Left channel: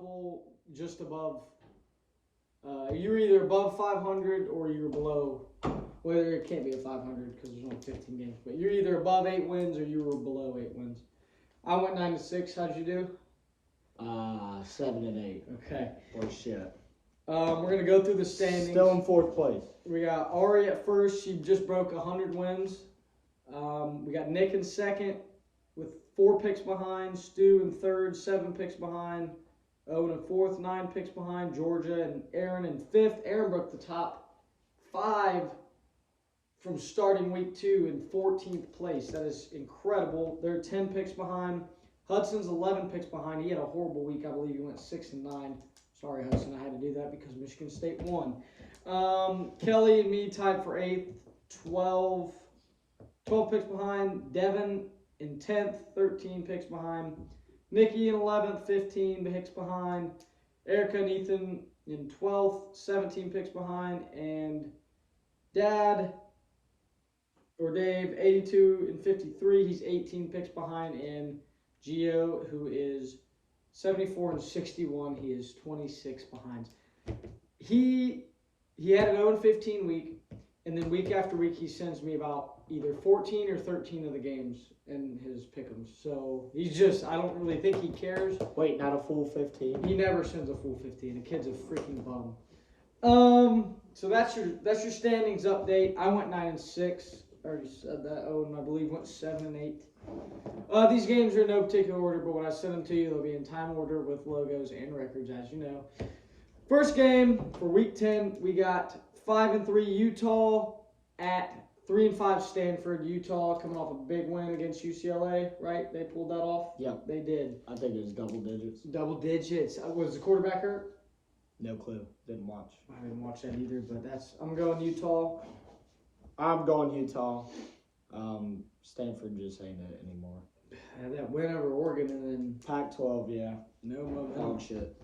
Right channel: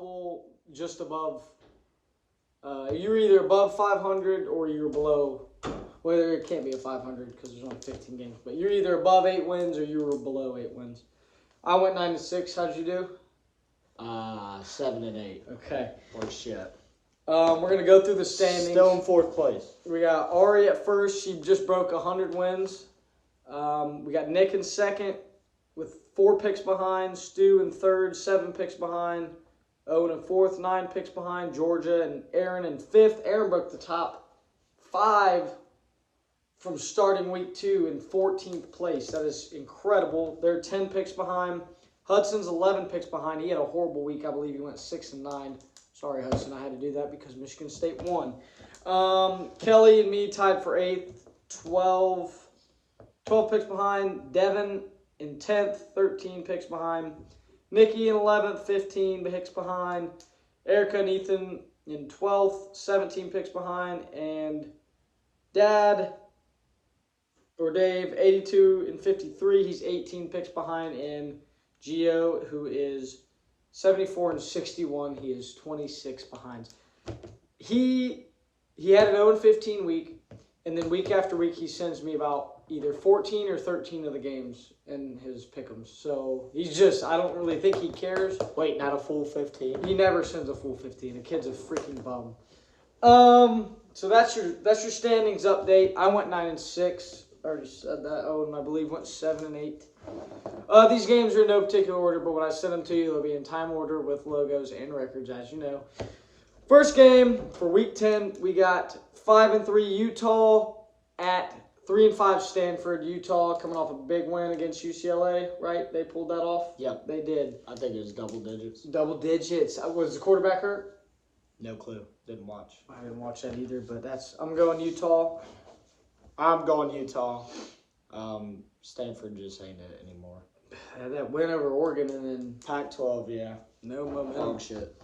couple just above. You're either above 500 or you're below. Well, it can't be a 500 because there's only 15 games. But you're either above 8 wins or you were below 8 wins. I went 9-6. How'd you do? 7-8. Okay. Worse shit. We're gonna go through the standings. Still in 4th place. We got Ari at first. She just broke 100 wins. We got Nick in second with 4 picks behind. Stu in third, 7 picks behind. Owen in fourth, 9 picks behind. Georgia and Aaron in fifth. Aaron broke the top 5 from starting week 2 in 14th place. That is incredible. They're 10 picks behind. Hudson's 11 picks behind. He had a horrible week. I believe he went 6-9. Sorry, Hudson, I had to do that because Michigan State won. Kelly and me tied for 8th, 12 picks behind. Devin in 10th, 13 picks behind. Nikki in 11th, 15 picks behind. Erica and Ethan in 12th, 17 picks behind. And Dave, 82 and 53, he's 18 picks behind. And Gio, who is 74 and 61, he is 26 behind. He had an 0-15 week, and then week after week he sends me about either 14 or 13 of the games in his Pickems. So he's just, I don't really think he cares. Wait, not a full 15? He never sends a full 15. The kid's a freaking bum. So that's your standings update. I went 9-6. I already said that. Owen, I believe, went 7-8. These games are in no particular order, but when I send them to you, they'll be in time order with logos and records, as you know. First game for Week 10, we got 5-3 Utah at 3-5 Stanford. Utah coming off a big win against UCLA, right? They pulled that off? Yep. They did. I think it was double digits. Double digits. Was the quarterback hurt? No clue. Didn't watch. I didn't watch that either, but I'm going Utah. I'm going Utah. Stanford just ain't it anymore. That win over Oregon and then Pac-12, yeah. no momentum. Dog shit.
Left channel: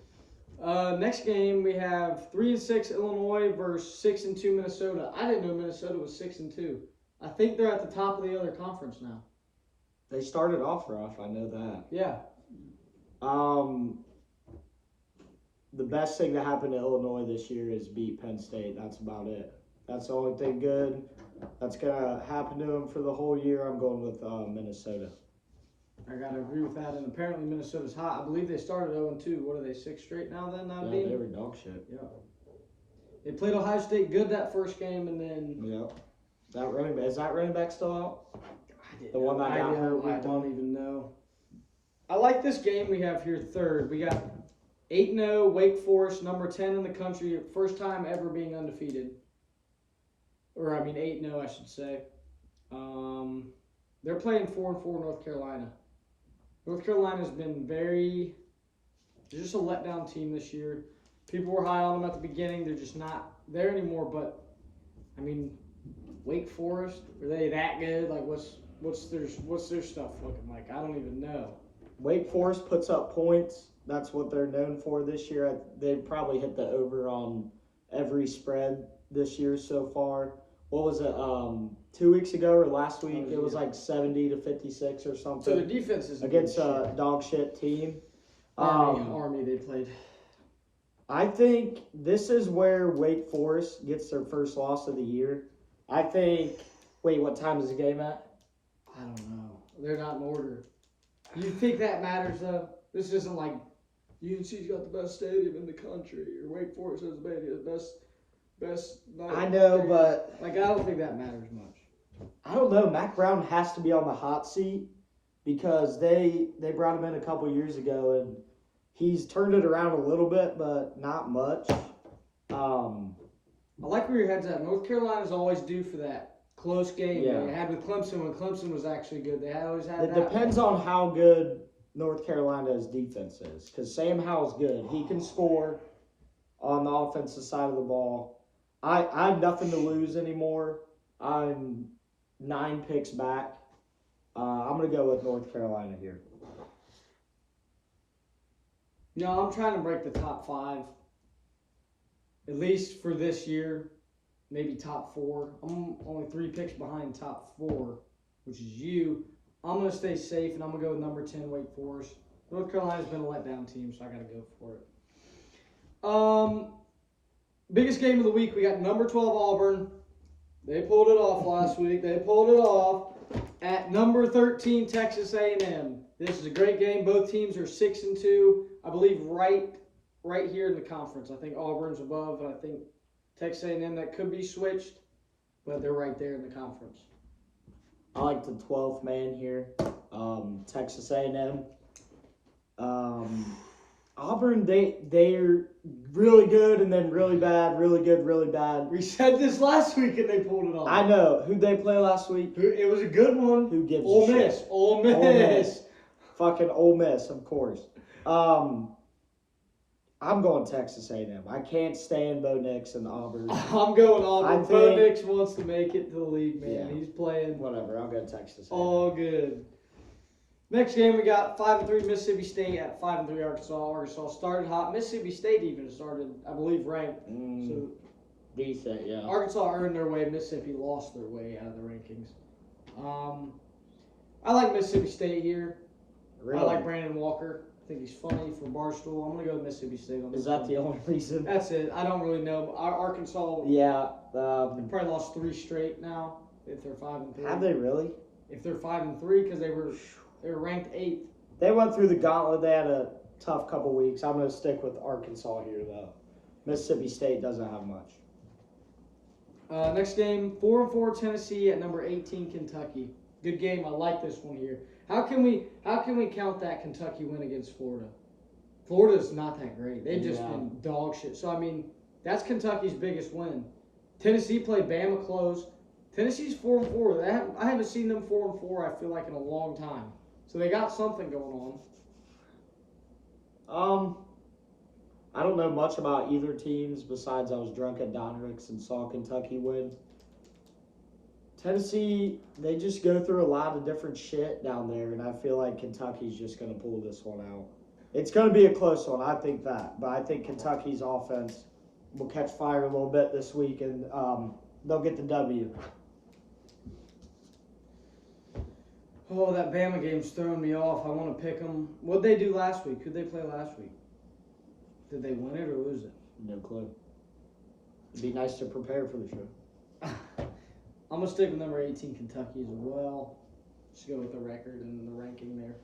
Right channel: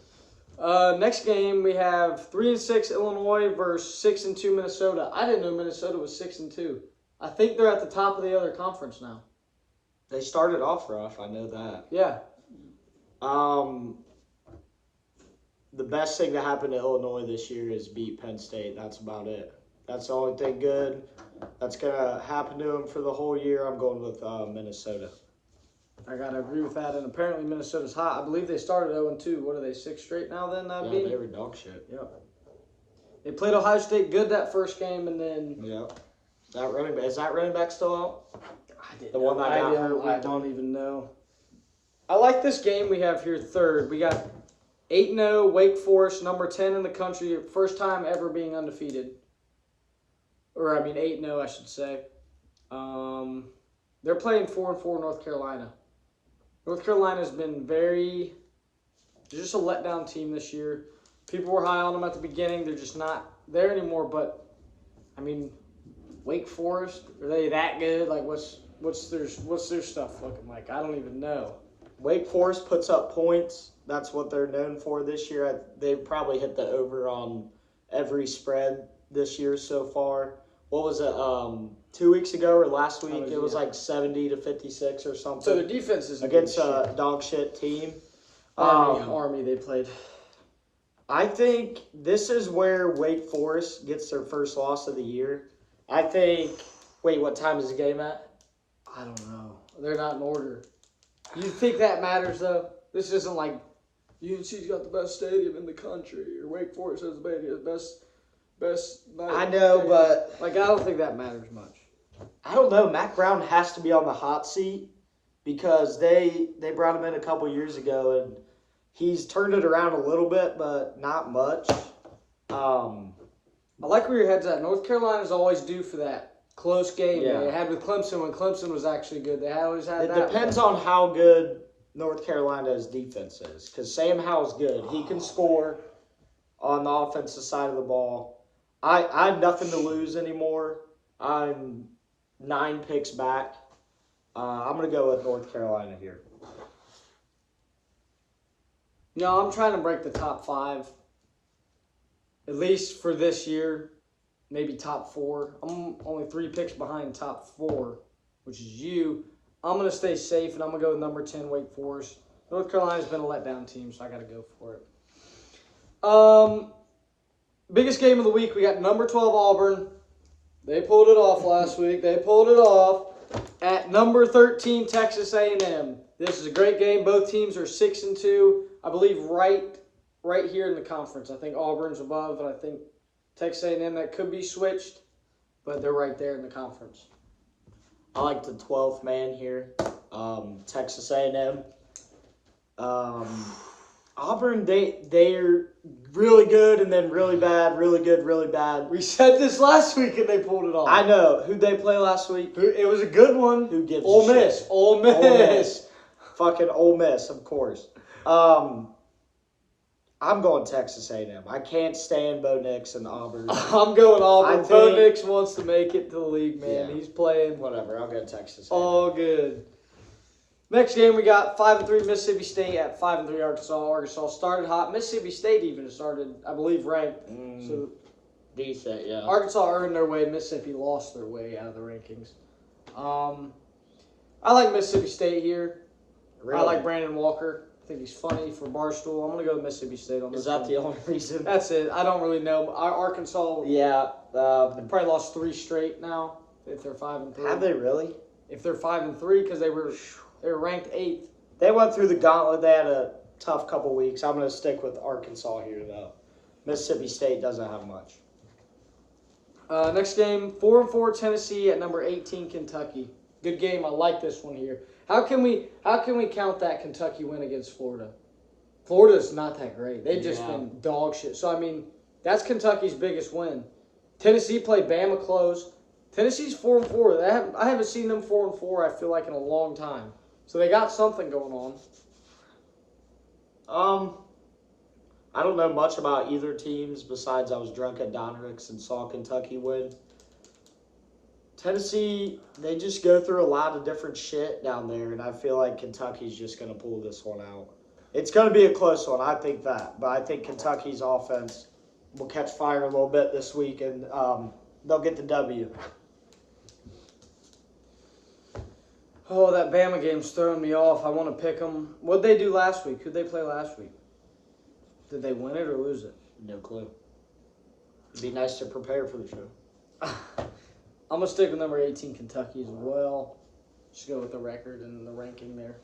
Next game we have 3-6 Illinois versus 6-2 Minnesota. I didn't know Minnesota was 6-2. I think they're at the top of the other conference now. They started off rough, I know that. Yeah. The best thing that happened to Illinois this year is beat Penn State. That's about it. That's the only thing good that's going to happen to them for the whole year. I'm going with Minnesota. I got to agree with that. And apparently Minnesota's hot. I believe they started 0-2. What are they, 6 straight now then? Yeah, they were dog shit. Yep. They played Ohio State good that first game and then... Yep. Is that running back still out? The one that got hurt. I don't even know. I like this game we have here third. We got 8-0 Wake Forest, number 10 in the country. First time ever being undefeated. 8-0, I should say. They're playing 4-4 North Carolina. North Carolina's been they're just a letdown team this year. People were high on them at the beginning. They're just not there anymore. But, Wake Forest, are they that good? Like, what's their stuff looking like? I don't even know. Wake Forest puts up points. That's what they're known for this year. They've probably hit the over on every spread this year so far. What was it, 2 weeks ago or last week? It was like 70-56 or something. So the defense is against a dog shit team. Army they played. I think this is where Wake Forest gets their first loss of the year. I think. Wait, what time is the game at? I don't know. They're not in order. You think that matters though? This isn't like UNC's got the best stadium in the country or Wake Forest has the best. I know, but I don't think that matters much. I don't know. Mac Brown has to be on the hot seat because they brought him in a couple years ago and he's turned it around a little bit, but not much. I like where your head's at. North Carolina's always due for that close game they had with Clemson when Clemson was actually good. They always had that. It depends on how good North Carolina's defense is because Sam Howell's good. He can score on the offensive side of the ball. I have nothing to lose anymore. I'm 9 picks back. I'm going to go with North Carolina here. No, I'm trying to break the top 5. At least for this year. Maybe top 4. I'm only 3 picks behind top 4, which is you. I'm going to stay safe, and I'm going to go with number 10, Wake Forest. North Carolina's been a letdown team, so I got to go for it. Biggest game of the week, we got number 12 Auburn. They pulled it off last week. They pulled it off at number 13 Texas A&M. This is a great game. Both teams are 6-2. I believe right here in the conference. I think Auburn's above, and I think Texas A&M, that could be switched, but they're right there in the conference. I like the 12th man here, Texas A&M. Auburn, they're really good and then really bad, really good, really bad. We said this last week and they pulled it off. I know. Who'd they play last week? It was a good one. Who gives Ole a Miss. shit? Ole Miss. Ole Miss. Fucking Ole Miss, of course. I'm going Texas A&M. I can't stand Bo Nix and Auburn. I'm going Auburn. Bo Nix wants to make it to the league, man. Yeah. He's playing. Whatever. I'll go Texas A&M. All good. Next game, we got 5-3 Mississippi State at 5-3 Arkansas. Arkansas started hot. Mississippi State even started, I believe, ranked. So decent, yeah. Arkansas earned their way. Mississippi lost their way out of the rankings. I like Mississippi State here. Really? I like Brandon Walker. I think he's funny for Barstool. I'm going to go with Mississippi State on this. Is that one. the only reason? That's it. I don't really know. Arkansas, Yeah. they probably lost 3 straight now. If they're 5-3. Have they really? If they're 5-3, because they were ranked 8th. They went through the gauntlet. They had a tough couple weeks. I'm going to stick with Arkansas here, though. Mississippi State doesn't have much. Next game, 4-4 Tennessee at number 18 Kentucky. Good game. I like this one here. How can we count that Kentucky win against Florida? Florida's not that great. They've just been dog shit. So I mean, that's Kentucky's biggest win. Tennessee played Bama close. Tennessee's 4-4. I haven't seen them 4-4. I feel like in a long time. So they got something going on. I don't know much about either teams besides I was drunk at Donruss and saw Kentucky win. Tennessee, they just go through a lot of different shit down there, and I feel like Kentucky's just going to pull this one out. It's going to be a close one, I think that. But I think Kentucky's offense will catch fire a little bit this week, and they'll get the W. Oh, that Bama game's throwing me off. I want to pick them. What'd they do last week? Who'd they play last week? Did they win it or lose it? No clue. It'd be nice to prepare for the show. I'm going to stick with number 18 Kentucky as well. Just go with the record and the ranking there.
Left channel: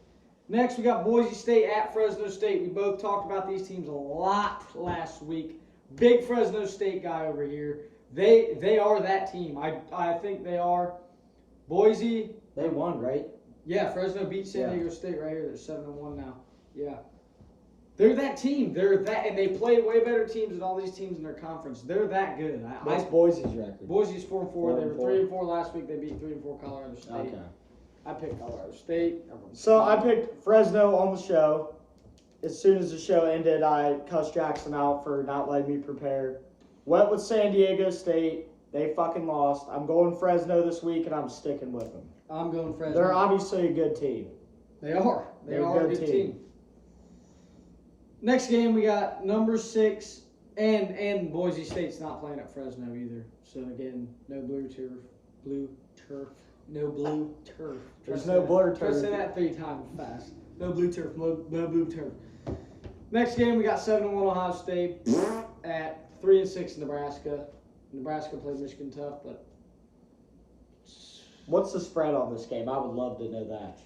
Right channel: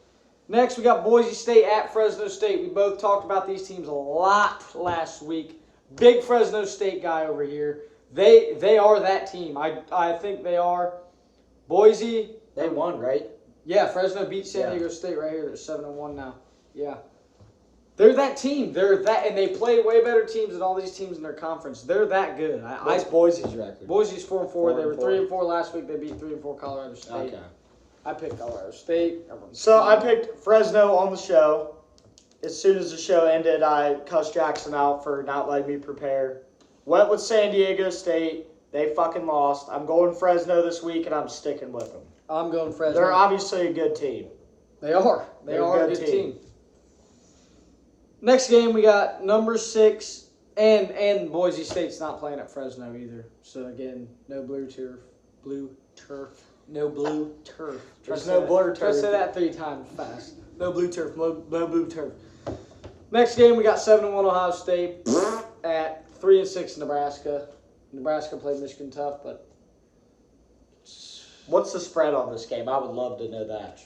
Next, we got Boise State at Fresno State. We both talked about these teams a lot last week. Big Fresno State guy over here. They are that team. I think they are. Boise. They won, right? Yeah, Fresno beat San Diego State right here. They're 7-1 now. Yeah. They're that team. They're that, and they play way better teams than all these teams in their conference. They're that good. What's Boise's record? Boise's 4-4. They were 3-4 last week. They beat 3-4 Colorado State. Okay. I picked Colorado State. So I picked Fresno on the show. As soon as the show ended, I cussed Jackson out for not letting me prepare. Went with San Diego State. They fucking lost. I'm going Fresno this week, and I'm sticking with them. I'm going Fresno. They're obviously a good team. They are. They're a good team. Next game, we got number 6, and Boise State's not playing at Fresno either. So again, no blue turf. No blue turf. There's no blue turf. Try to say that 3 times fast. No blue turf. No blue turf. Next game, we got 7-1 Ohio State at 3-6 Nebraska. Nebraska played Michigan tough, but what's the spread on this game? I would love to know that.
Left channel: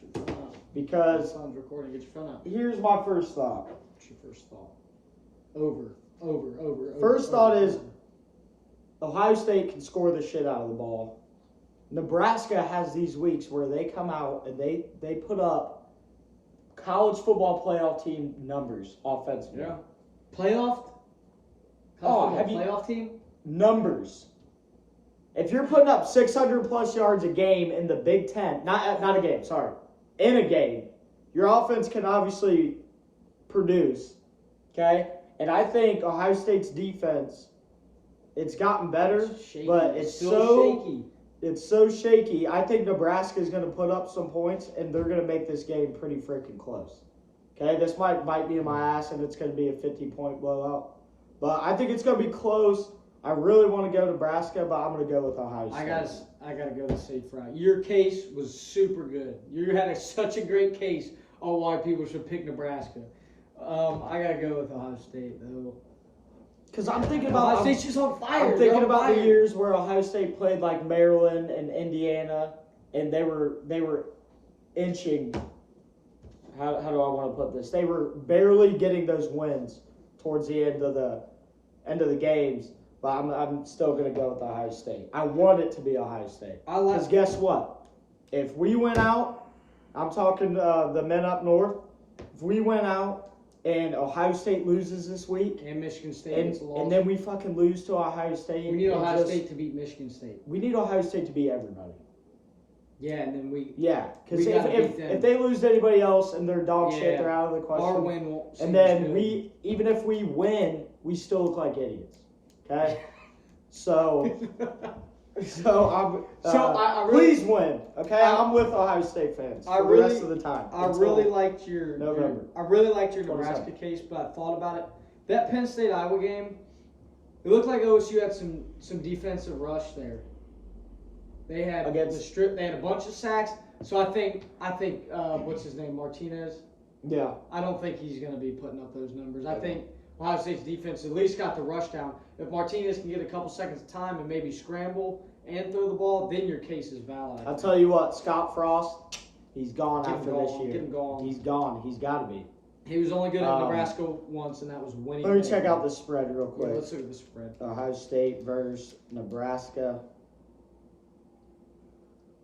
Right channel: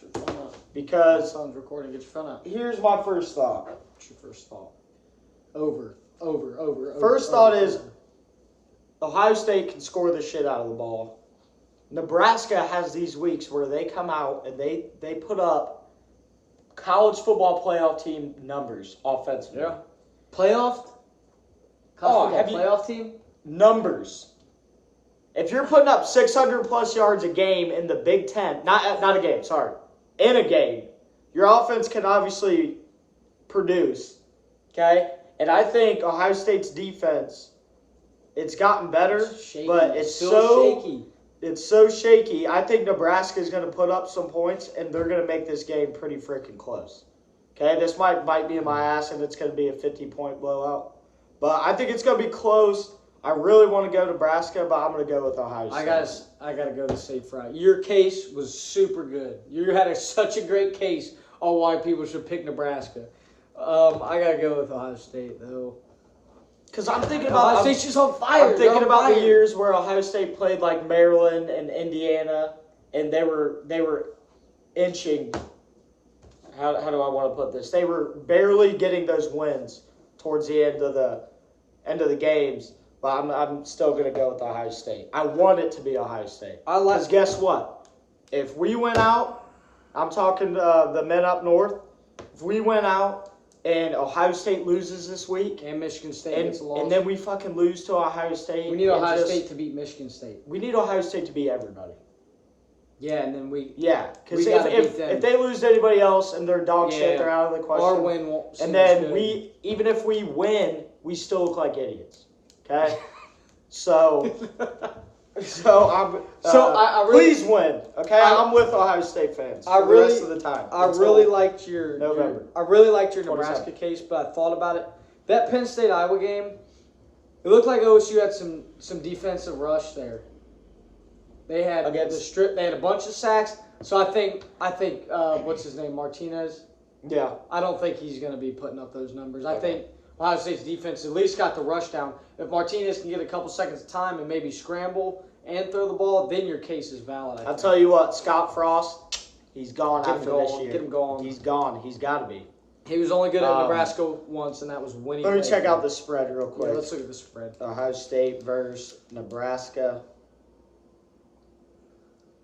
Because phone's recording. Get your phone out. Here's my first thought. What's your first thought? Over. First thought is Ohio State can score the shit out of the ball. Nebraska has these weeks where they come out and they put up college football playoff team numbers offensively. Yeah. Playoff? Playoff team? Numbers. If you're putting up 600 plus yards a game in the Big Ten, not a game, sorry, in a game, your offense can obviously produce, okay? And I think Ohio State's defense, it's gotten better, but it's so shaky. It's so shaky. I think Nebraska is going to put up some points, and they're going to make this game pretty freaking close. Okay, this might bite me in my ass, and it's going to be a 50-point blowout. But I think it's going to be close. I really want to go Nebraska, but I'm going to go with Ohio State. I got to go to safe route. Your case was super good. You had such a great case on why people should pick Nebraska. I gotta go with Ohio State though. Because I'm thinking Ohio about State's just on fire. I'm thinking about the years where Ohio State played like Maryland and Indiana, and they were inching. How do I want to put this? They were barely getting those wins towards the end of the games. But I'm still gonna go with Ohio State. I want it to be Ohio State. Because guess what? If we went out, I'm talking the men up north. If we went out and Ohio State loses this week, and Michigan State gets lost, and then we fucking lose to Ohio State, we need Ohio State to beat Michigan State. We need Ohio State to beat everybody. Yeah, and then because if they lose to anybody else and they're dog shit, they're out of the question. Our win won't. And then even if we win, we still look like idiots. Okay, so I really, please win. Okay, I'm with Ohio State fans for the rest of the time. I really liked your November. I really liked your Nebraska case, but I thought about it. That Penn State Iowa game, it looked like OSU had some defensive rush there. They had They had a bunch of sacks. So I think what's his name, Martinez. Yeah. I don't think he's going to be putting up those numbers. I think Ohio State's defense at least got the rush down. If Martinez can get a couple seconds of time and maybe scramble and throw the ball, then your case is valid. I'll tell you what, Scott Frost, he's gone after this year. Get him going. He's gone. He's got to be. He was only good at Nebraska once, and that was winning. Let me check out the spread real quick. Yeah, let's look at the spread. Ohio State versus Nebraska.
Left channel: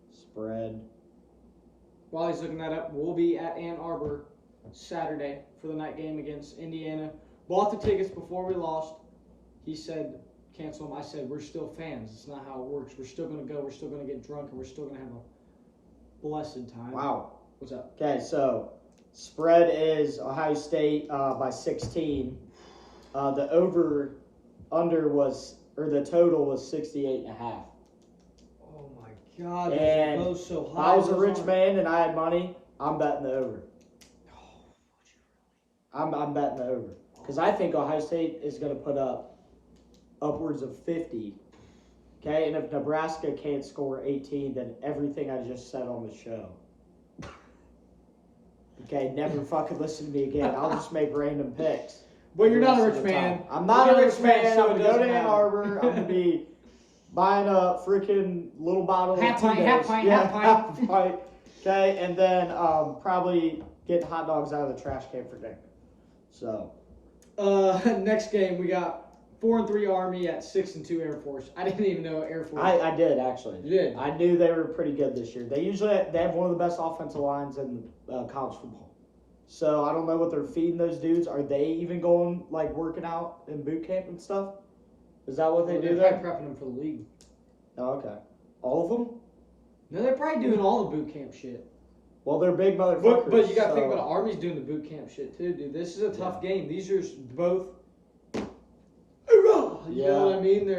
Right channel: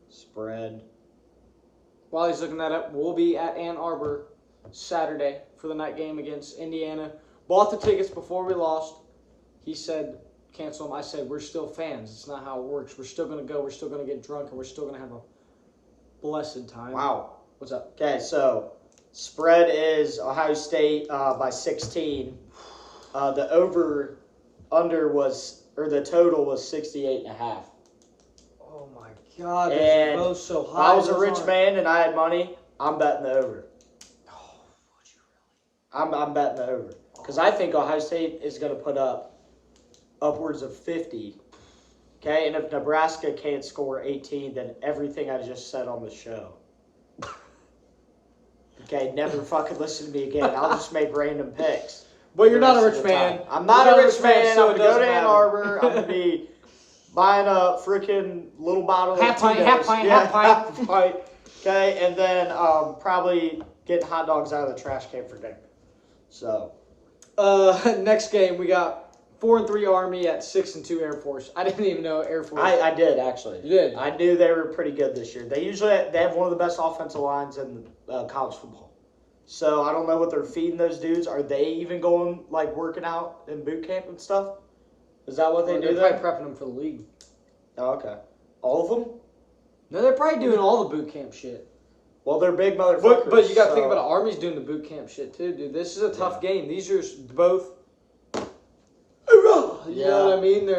Spread. While he's looking that up, we'll be at Ann Arbor Saturday for the night game against Indiana. Bought the tickets before we lost. He said, cancel them. I said, we're still fans. It's not how it works. We're still going to go. We're still going to get drunk, and we're still going to have a blessed time. Wow. What's up? Okay, so spread is Ohio State by 16. The the total was 68.5. Oh my God! And both so high. If I was a rich man and I had money, I'm betting the over. Oh, would you really? I'm betting the over because I think Ohio State is going to put up upwards of 50. Okay, and if Nebraska can't score 18, then everything I just said on the show. Okay, never fucking listen to me again. I'll just make random picks. But you're not a rich man. I'm not a rich man. I'm going to go to Ann Arbor. I'm going to be buying a freaking little bottle of half pint. Okay, and then probably getting hot dogs out of the trash can for dinner. So. Next game, we got 4-3 Army at 6-2 Air Force. I didn't even know Air Force. I did, actually. You did? I knew they were pretty good this year. They have one of the best offensive lines in college football. So I don't know what they're feeding those dudes. Are they even going, working out in boot camp and stuff? Is that what they do there? They're probably prepping them for the league. Oh, okay. All of them? No, they're probably doing all the boot camp shit. Well, they're big motherfuckers. But you got to think about it. Army's doing the boot camp shit too, dude. This is a tough game. These are both. You know what I mean?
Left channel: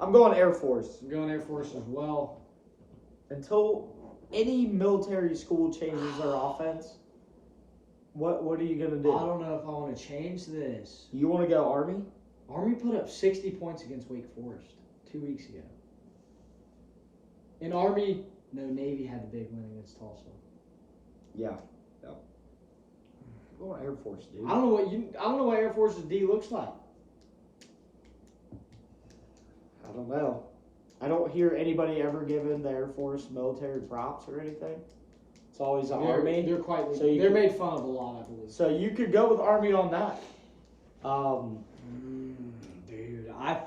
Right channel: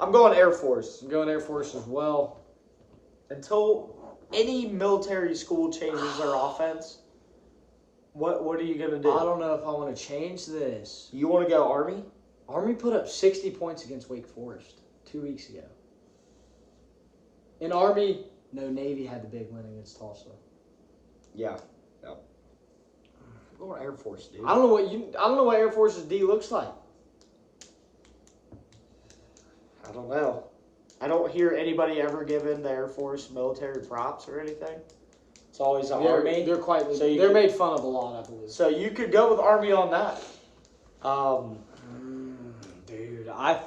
I'm going Air Force. I'm going Air Force as well. Until any military school changes their offense, what are you going to do? I don't know if I want to change this. You want to go Army? Army put up 60 points against Wake Forest 2 weeks ago. In Army, no, Navy had the big win against Tulsa. Yeah. I'm going Air Force, dude. I don't know what Air Force's D looks like. I don't know. I don't hear anybody ever giving the Air Force military props or anything. It's always the Army. They're they're made fun of a lot, I believe. So you could go with Army on that. Dude, I'm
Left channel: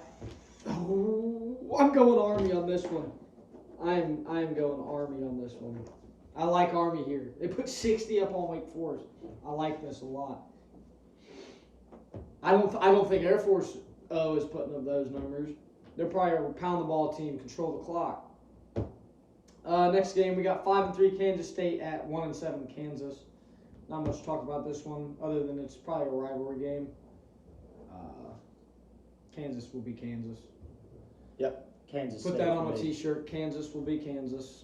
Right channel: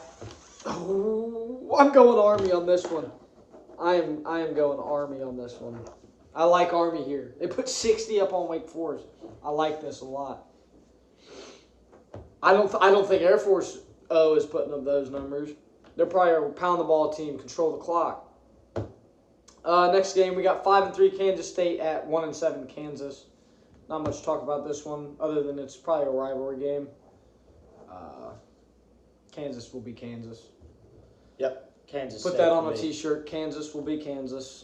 going Army on this one. I am going Army on this one. I like Army here. They put 60 up on Wake Forest. I like this a lot. I don't think Air Force is putting up those numbers. They're probably a pound the ball team, control the clock. Next game, we got 5-3 Kansas State at 1-7 Kansas. Not much to talk about this one, other than it's probably a rivalry game. Kansas will be Kansas. Yep, Kansas. Put that on a T-shirt. Kansas will be Kansas.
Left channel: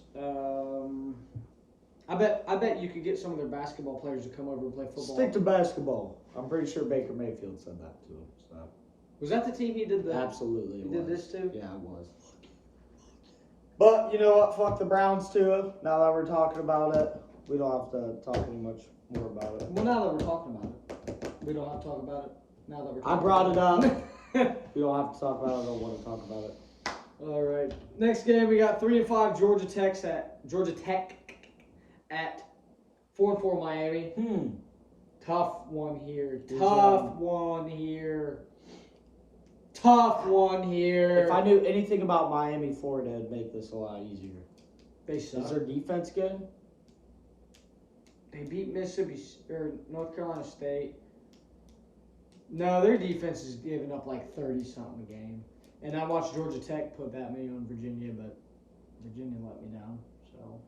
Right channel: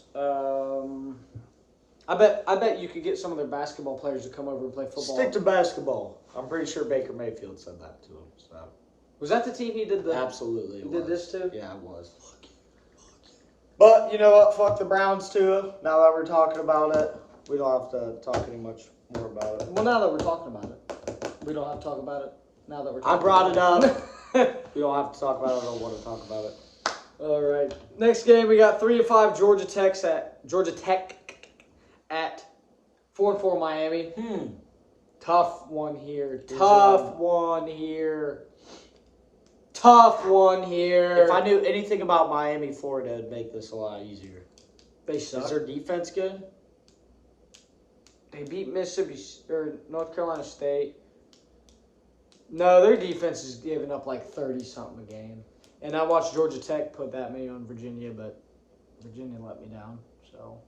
I bet you could get some of their basketball players to come over and play football. Stick to basketball. I'm pretty sure Baker Mayfield said that to him. So. Was that the team he did the? Absolutely. He did this too? Yeah, it was. But you know what? Fuck the Browns too. Now that we're talking about it, we don't have to talk any much more about it. Well, now that we're talking about it, we don't have to talk about it. Now that we're I talking brought it about up. We don't have to talk about it. I don't want to talk about it. All right. Next game, we got 3-5 Georgia Tech at 4-4 Miami. Tough one here. Tough one here. If I knew anything about Miami, Florida, it'd make this a lot easier. They suck. Is their defense good? They beat Mississippi or North Carolina State. No, their defense is giving up like 30-something a game. And I watched Georgia Tech put that many on Virginia, but Virginia let me down. So,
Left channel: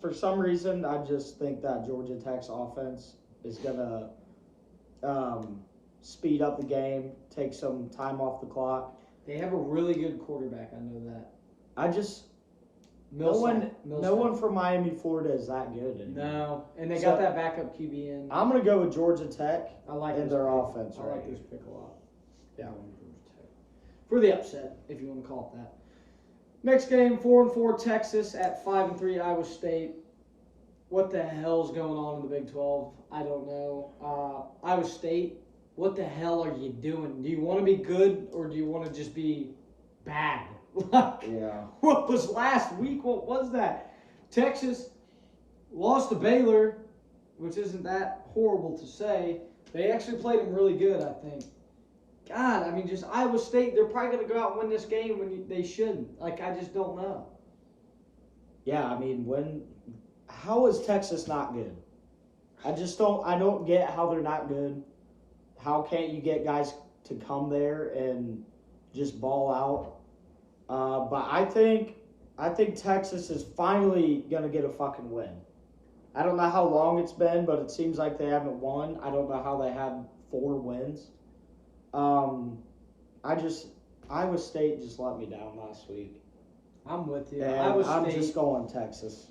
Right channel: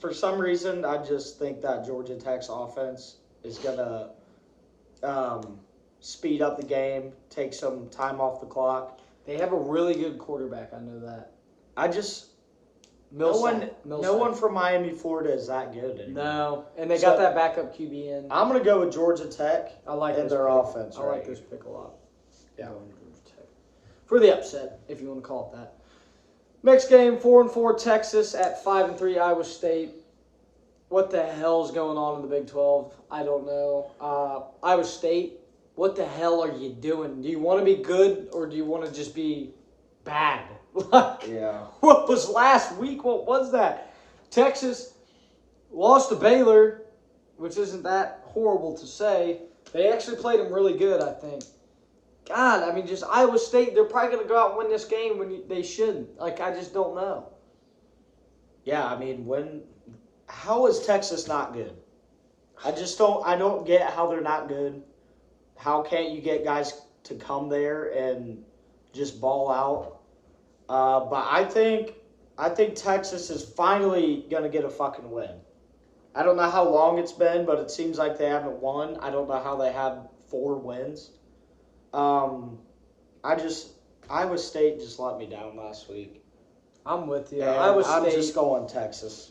For some reason, I just think that Georgia Tech's offense is gonna speed up the game, take some time off the clock. they have a really good quarterback. I know that. No one from Miami, Florida is that good anymore. No, and they got that backup QB in. I'm gonna go with Georgia Tech. I like and their offense. I like this pick a lot. Yeah, Georgia Tech for the upset, if you want to call it that. Next game, 4-4 Texas at 5-3 Iowa State. What the hell's going on in the Big 12? I don't know. Iowa State, what the hell are you doing? Do you want to be good or do you want to just be bad? Yeah. What was last week? What was that? Texas lost to Baylor, which isn't that horrible to say. They actually played them really good, I think. God, I mean, just Iowa State, they're probably going to go out and win this game when they shouldn't. I just don't know. Yeah, I mean, how is Texas not good? I don't get how they're not good. How can't you get guys to come there and just ball out? But I think Texas is finally going to get a fucking win. I don't know how long it's been, but it seems like they haven't won. I don't know how they had 4 wins. Iowa State just let me down last week. I'm with you. I'm just going Texas.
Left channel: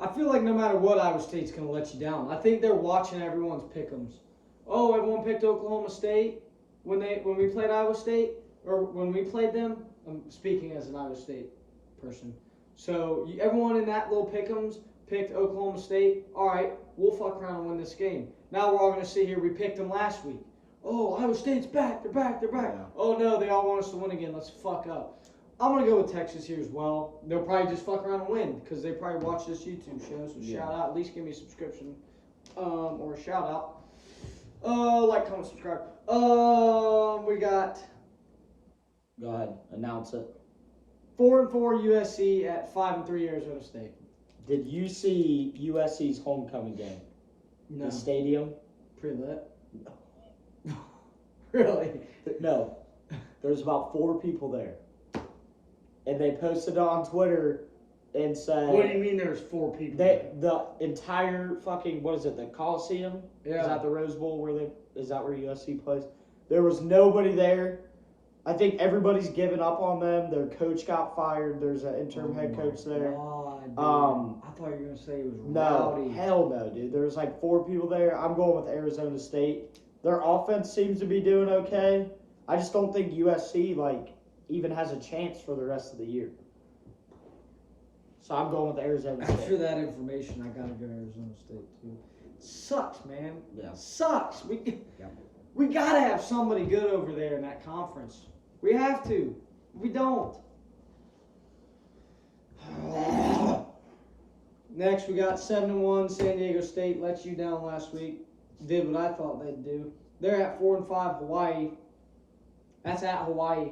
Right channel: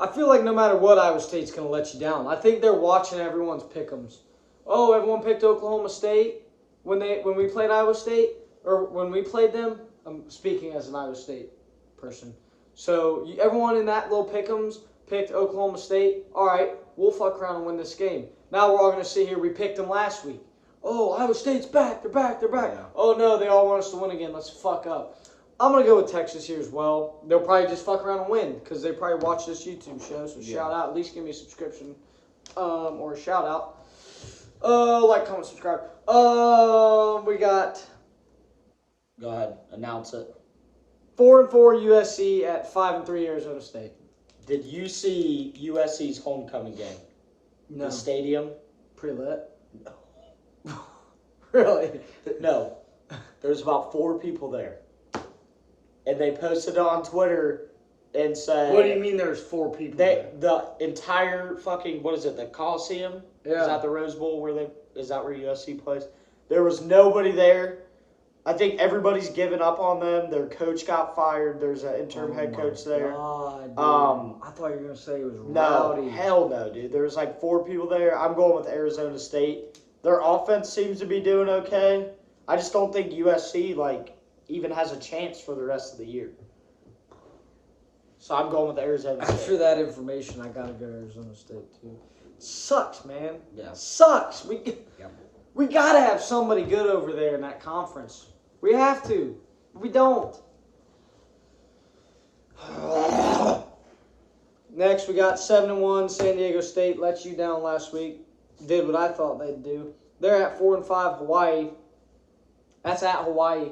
I feel like no matter what, Iowa State's going to let you down. I think they're watching everyone's Pickems. Oh, everyone picked Oklahoma State when we played Iowa State, or when we played them. I'm speaking as an Iowa State person. So everyone in that little Pickems picked Oklahoma State. All right, we'll fuck around and win this game. Now we're all going to sit here. We picked them last week. Oh, Iowa State's back. They're back. Yeah. Oh, no, they all want us to win again. Let's fuck up. I'm going to go with Texas here as well. They'll probably just fuck around and win because they probably watch this YouTube show. So shout out. At least give me a subscription or a shout out. Like, comment, subscribe. We got... Go ahead. Announce it. 4-4 USC at 5-3 Arizona State. Did you see USC's homecoming game? No. The stadium? Pretty lit. No. Really? No. There's about 4 people there. And they posted it on Twitter and said... What do you mean there's 4 people there? The entire fucking, what is it, the Coliseum? Yeah. Is that the Rose Bowl is that where USC plays? There was nobody there. I think everybody's given up on them. Their coach got fired. There's an interim head coach there. God, I thought you were going to say it was rowdy. No, hell no, dude. There's like 4 people there. I'm going with Arizona State. Their offense seems to be doing okay. I just don't think USC even has a chance for the rest of the year. So I'm going with Arizona State. After that information, I got to go to Arizona State too. Sucks, man. Yeah. Sucks. We got to have somebody good over there in that conference. We have to. We don't. Next, we got 7-1. San Diego State let you down last week. Did what I thought they'd do. They're at 4-5 Hawaii. That's at Hawaii.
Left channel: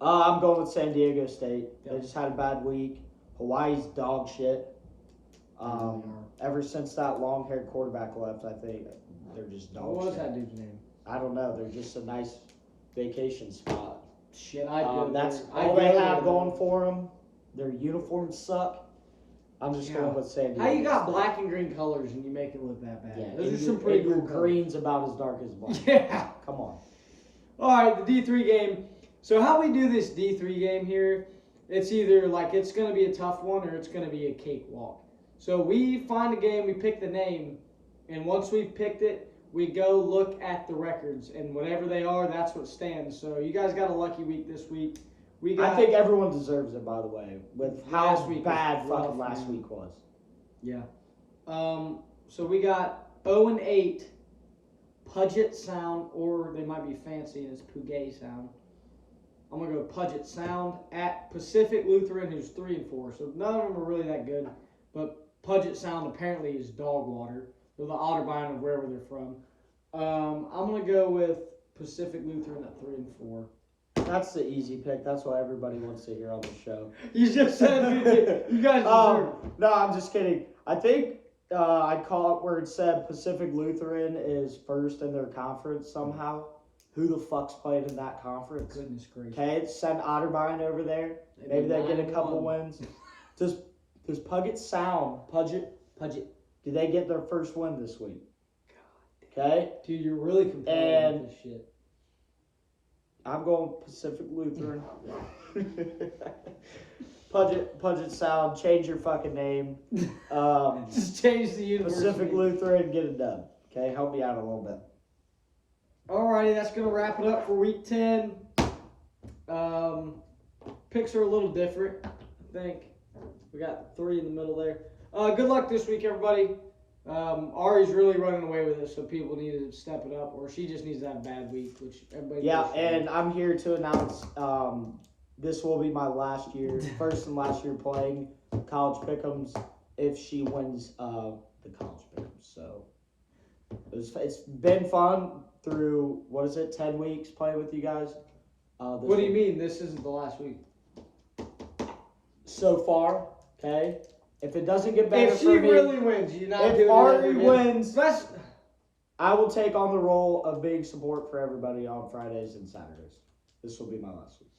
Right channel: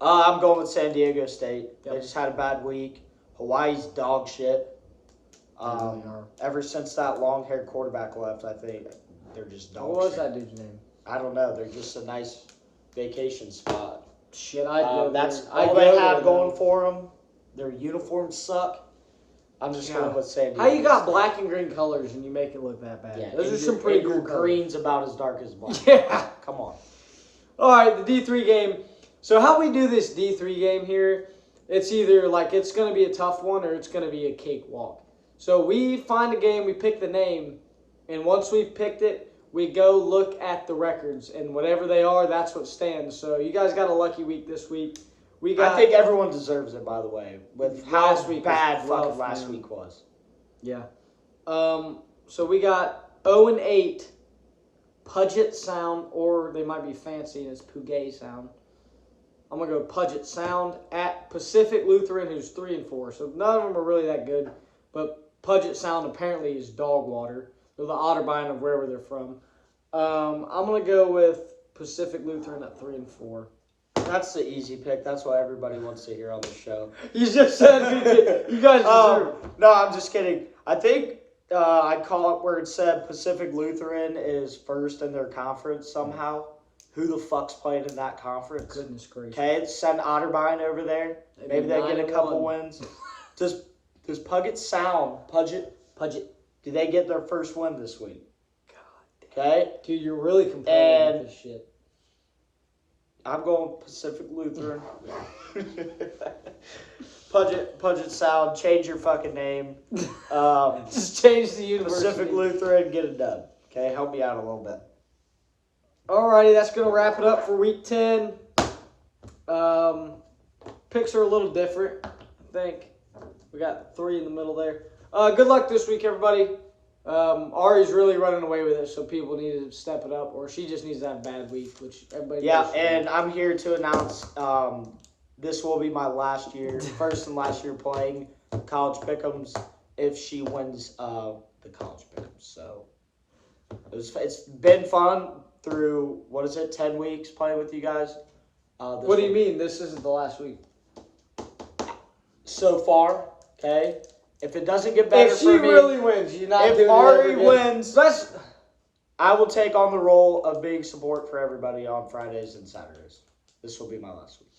I'm going with San Diego State. Yep. They just had a bad week. Hawaii's dog shit. Ever since that long-haired quarterback left, I think they're just dog shit. What was that dude's name? I don't know. They're just a nice vacation spot. Shit, that's all they have going for them. Their uniforms suck. I'm just going with San Diego. How you got black and green colors and you make it look that bad? Yeah, those are some pretty cool green's about as dark as black. Yeah. Come on. All right, the D3 game. So how we do this D3 game here, it's either it's going to be a tough one or it's going to be a cakewalk. So we find a game, we pick the name, and once we've picked it, we go look at the records, and whatever they are, that's what stands. So you guys got a lucky week this week. I think everyone deserves it, by the way, with how week bad rough, fucking last week was. Yeah. So we got 0-8, Puget Sound, or they might be fancy as Puget Sound. I'm gonna go Puget Sound at Pacific Lutheran, who's 3-4. So none of them are really that good, but Puget Sound apparently is dog water. They're the Otterbein of wherever they're from. I'm gonna go with Pacific Lutheran at 3-4. That's the easy pick. That's what everybody wants to hear on the show. You just said you guys deserve. No, I'm just kidding. I think I caught where it said Pacific Lutheran is first in their conference somehow. Who the fuck's playing in that conference? Goodness gracious. Okay, send Otterbein over there. Maybe they get a couple wins. Does Puget Sound, Puget, do they get their first win this week? God. Okay? Dude, you're really complaining with this shit. I'm going Pacific Lutheran. Puget Sound, change your fucking name. Just change the university. Pacific Lutheran, get it done. Okay, help me out a little bit. Alrighty, that's going to wrap it up for week 10. Picks are a little different, I think. We got 3 in the middle there. Good luck this week, everybody. Ari's really running away with it, so people need to step it up, or she just needs to have a bad week, which everybody knows. And I'm here to announce this will be my first and last year playing college Pickems if she wins the college Pickems. So it's been fun through, 10 weeks playing with you guys. What do you mean? This isn't the last week? So far, okay? If it doesn't get better if for me, she really wins, you're not doing if it Ari again. wins, I will take on the role of being support for everybody on Fridays and Saturdays. This will be my last week,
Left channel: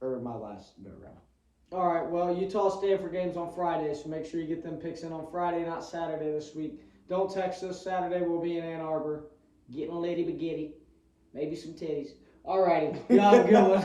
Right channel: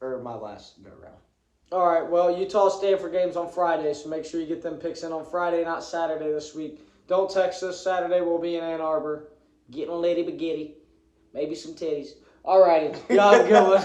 or my last go round. All right. Well, Utah Stanford games on Friday, so make sure you get them picks in on Friday, not Saturday this week. Don't text us. Saturday we'll be in Ann Arbor, getting a lady spaghetti, maybe some titties. All righty. Y'all have a good one.